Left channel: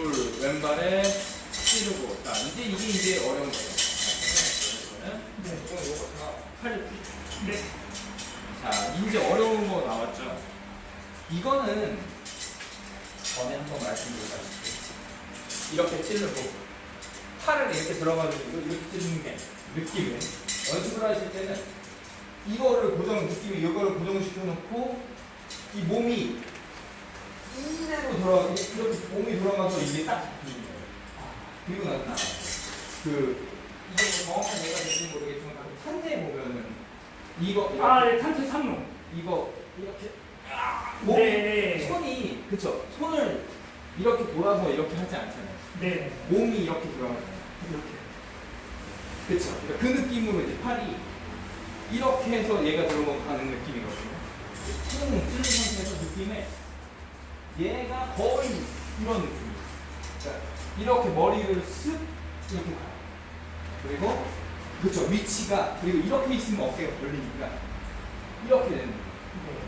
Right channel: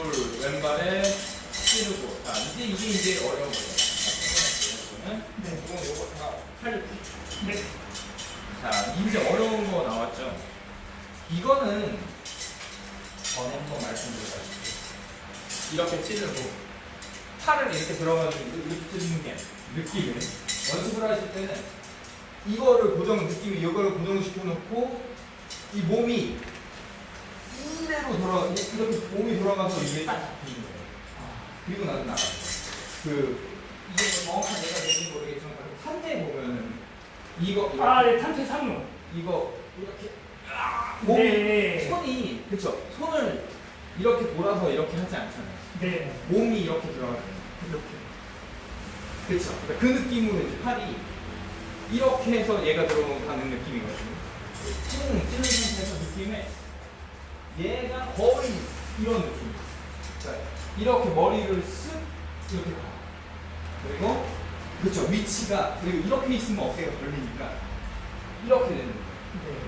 둘 왼발에 찌르고 자 이제 이게 이제 어려운 거죠. 이거는 네. 이건 요거 다 팔. 네. 자 이제 어려운 거 나왔죠. 이거는 전에 한번 말씀드렸다시피 이렇게 찌르고 팔을 이렇게 들어가지고 이렇게 찌르는 게 느낌을 연습을 하실 때는 이거를 고정 느낌이 이거를 고정시켜 놓고 이 몸이 이대로 돌아 이렇게 몸이 돌아가서 이게 딱 잡히는 거예요. 그리고 나서 나가요. 그 이게 뭐 정확한 예가 될지 모르겠지만 그 판대 보면은 이거 이렇게 아, 네, 탄퇴 3루. 이거 이렇게 몸이 네. 손이 그쵸 손을 이렇게 돌아서 이렇게 하지 않잖아요. 네. 몸이 이렇게 들어가잖아요. 이렇게. 그쵸 그러니까 그 느낌으로 이제 팔이 이렇게 해서 얘가 들어가고 가는 느낌이거든요. 쭉 찌는 상태에서 느낌에 얘가 거의 이런 느낌. 그러니까 이렇게 머리를 쓱 이렇게 가요. 그리고 그쵸 위치가 그리고 이렇게 있으면 어깨가 걸리니까 이렇게 되는 거예요. 네.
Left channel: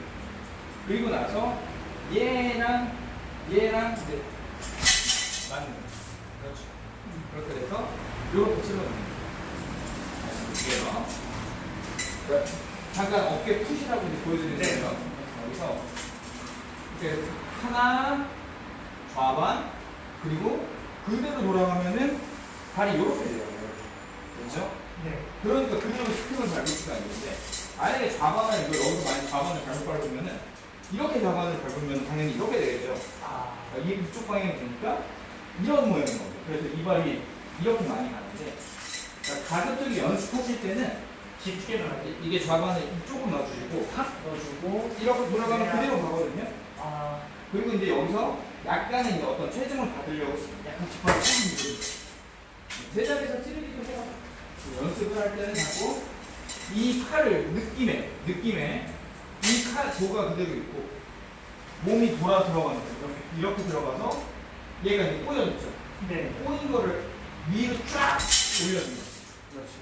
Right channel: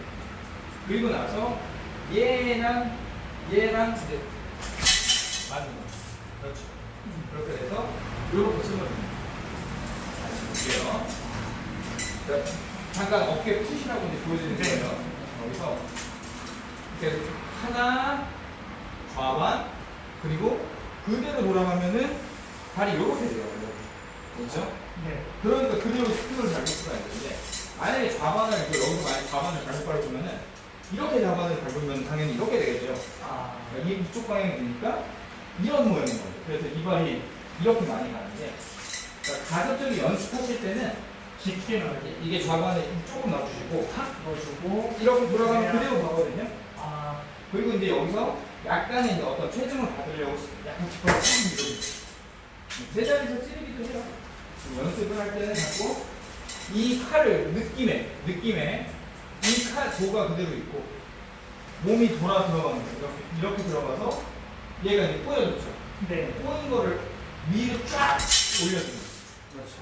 그리고 나서 얘랑 얘랑 이제 맞는 거예요. 그렇죠. 그렇게 돼서 이렇게 찔러줍니다. 볼게요. 네. 잠깐 어깨 푸시라고 이제 보여드리는 네. 거예요. 여기서 이렇게 하나 좌완 그리고 그대로 돌아가면은 발이 이렇게 돼요. 그렇죠? 네. 그러니까 그대로 스피드를 밟을 수가 있는데 만약에 좌반을 이거 여기서 만약 좌반을 잘못 밟으면은 이렇게 좌반을 밟으면 당연히 이렇게 되겠죠. 아. 그러니까 이게 이쪽 방향이 되니까 이런 모양인 거죠. 그래서 이 발이 이렇게 많이 가는데 그러니까 가급적이 연습하실 때는 깊게 넣어야 돼. 이게 좌반에 조금 넣어주시고 탁 넣어주고. 이렇게 돌아가면 그대로 가거든요. 아. 그리고 이제 여기서 약간의 이제 어떤 체중을 받으려고 약간 쭉 밀어주세요. 제자리에서 찌르기도 해요. 연습을 할 때는 자꾸 이 칼을 느낌에, 느낌에 이칼 도가 그대로 있고 몸이 돌아 들어가는 거예요. 이렇게, 이렇게 들어가서 얘가 이제 꼬여졌죠. 네. 꼬인 거를 위로 쫙 거예요. 그렇죠.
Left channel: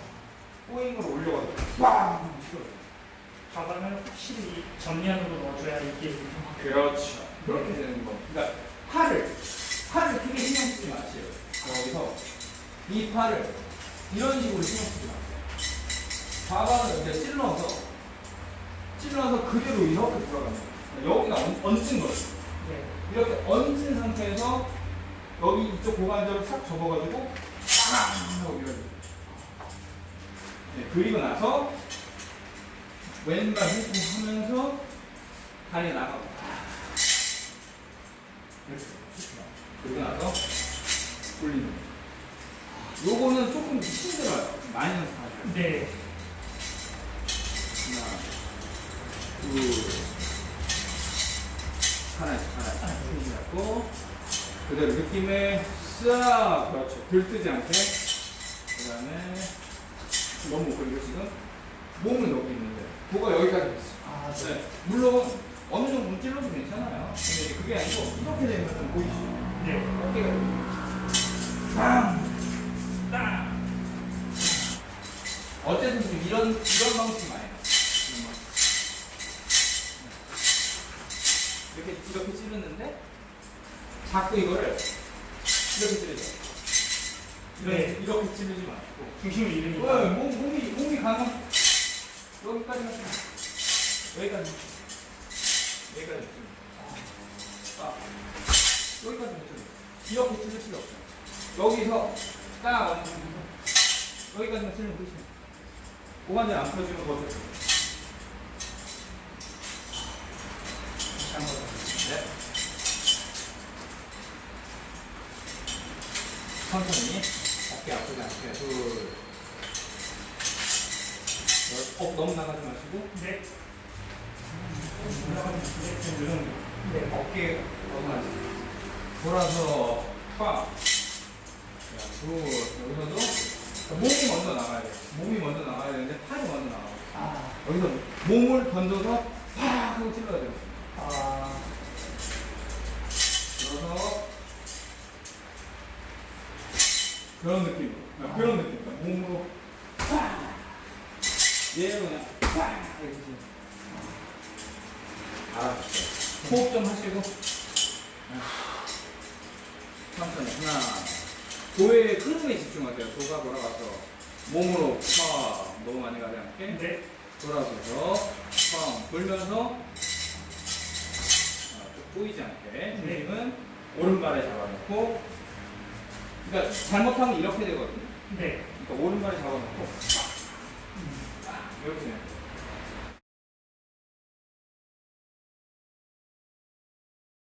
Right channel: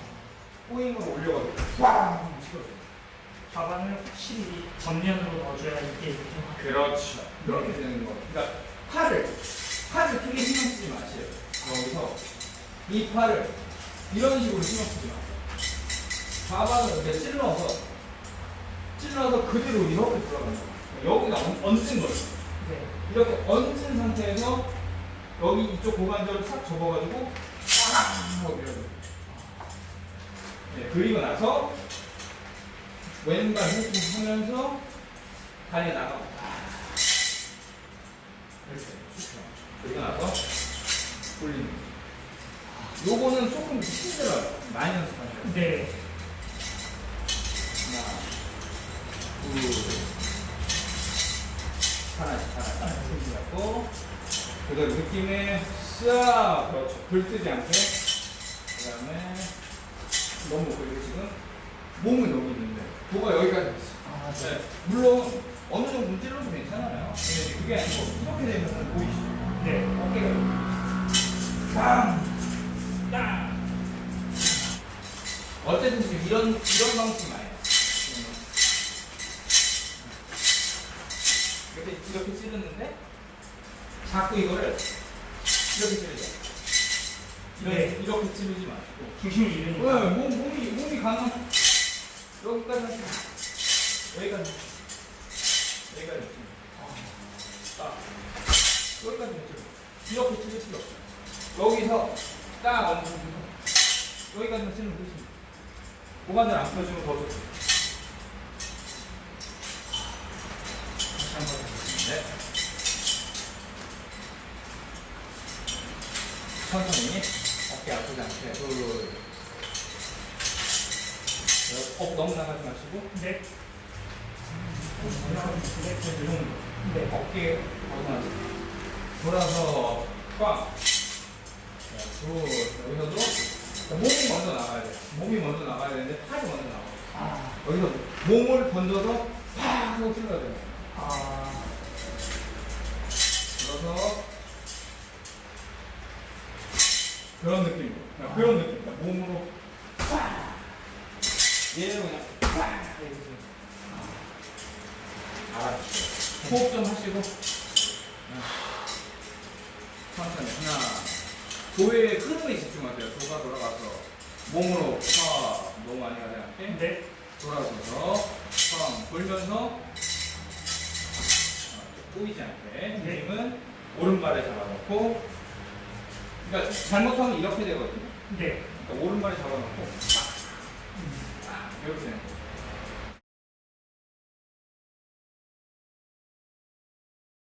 꼬인 걸 올려가지고 꽝! 치워줘요. 가방을 확실히 정면으로 넣어줘야 이게 이렇게. 그렇죠. 그렇게 되는 거. 그러니까 팔을 팔을 크게 신경 쓰지 마세요. 여기서 이 팔을 이런 식으로 신경 쓰지 마세요. 좌반을 이렇게 찔러서 찔러서 그대로 이렇게 돌아가는 거예요. 여기가 얹- 얹은 거예요. 네. 이렇게 얹은 상태에서 여기 이쪽 고관절을 싹 접어가지고 딱 하고 밀어줘요. 네, 그리고 나서 왼발 훑고 하면서 다리 나가고 그렇지. 그리고 나서 돌리는 거. 요거는 조금 힘들어요. 많이 연습하셔야 돼요. 네. 하나, 둘, 하나, 하나, 힘 잡고 그대로 느낌에 싹 그렇죠. 들뜨지 않게 그 다음에 너무 그리고 지금 몸은 여기 도가 여기까지 있어. 아, 네. 물론 어느 정도 찔러도 괜찮아요. 근데 이제 그게 아니고 이렇게 되면 보이시죠? 네. 어깨가 이렇게 빵! 땅! 어쨌든 지금 이런 이런 방식 많이 해요. 이렇게 이렇게 찌르는데 자꾸 이거를 이렇게 찌르죠. 이렇게 네. 이렇게 찌르지 마시고 중심을 네, 잃으니까. 몸, 몸이, 몸이 가는 여기까지 하시면 여기까지 여기까지 딱 여기까지 못 찔러 이렇게 찔릴 필요 없어요 여기서 딱 얹으면 여기까지만 찔르면 끝입니다 고관절 안 펴주면 더 좋습니다 한번 네. 천천히. 어깨 아프지 않게. 둘 어, 너무 나가지 마시고 네. 이 정도 네. 어깨 벗어나지 돌아서 꽉 자, 둘 여기서도 몸이 먼저 나가야 돼 몸이 먼저 나가야 되는데 팔이 먼저 나가요 아. 여기서 몸을 던져서 팍 하고 찔러야 돼요 아. 그래서 그런 느낌 아, 그런 느낌 몸으로 팍 얘는 그냥 팍 이렇게 알아주세요. 호흡 좀 하시고. 네. 천천히. 하나. 도의 흐름에 집중하세요. 도가 돌아가서 몸으로 팍 너무 많이 가지 않게. 네. 돌아서서 팡 돌면서 아, 또 꼬이지 않게. 중심은 오른발에 잡아놓고. 그러니까 잘못하면 이렇게 되거든요. 네. 그러니까 오른발에 잡아놓고. 딱 Eu tento.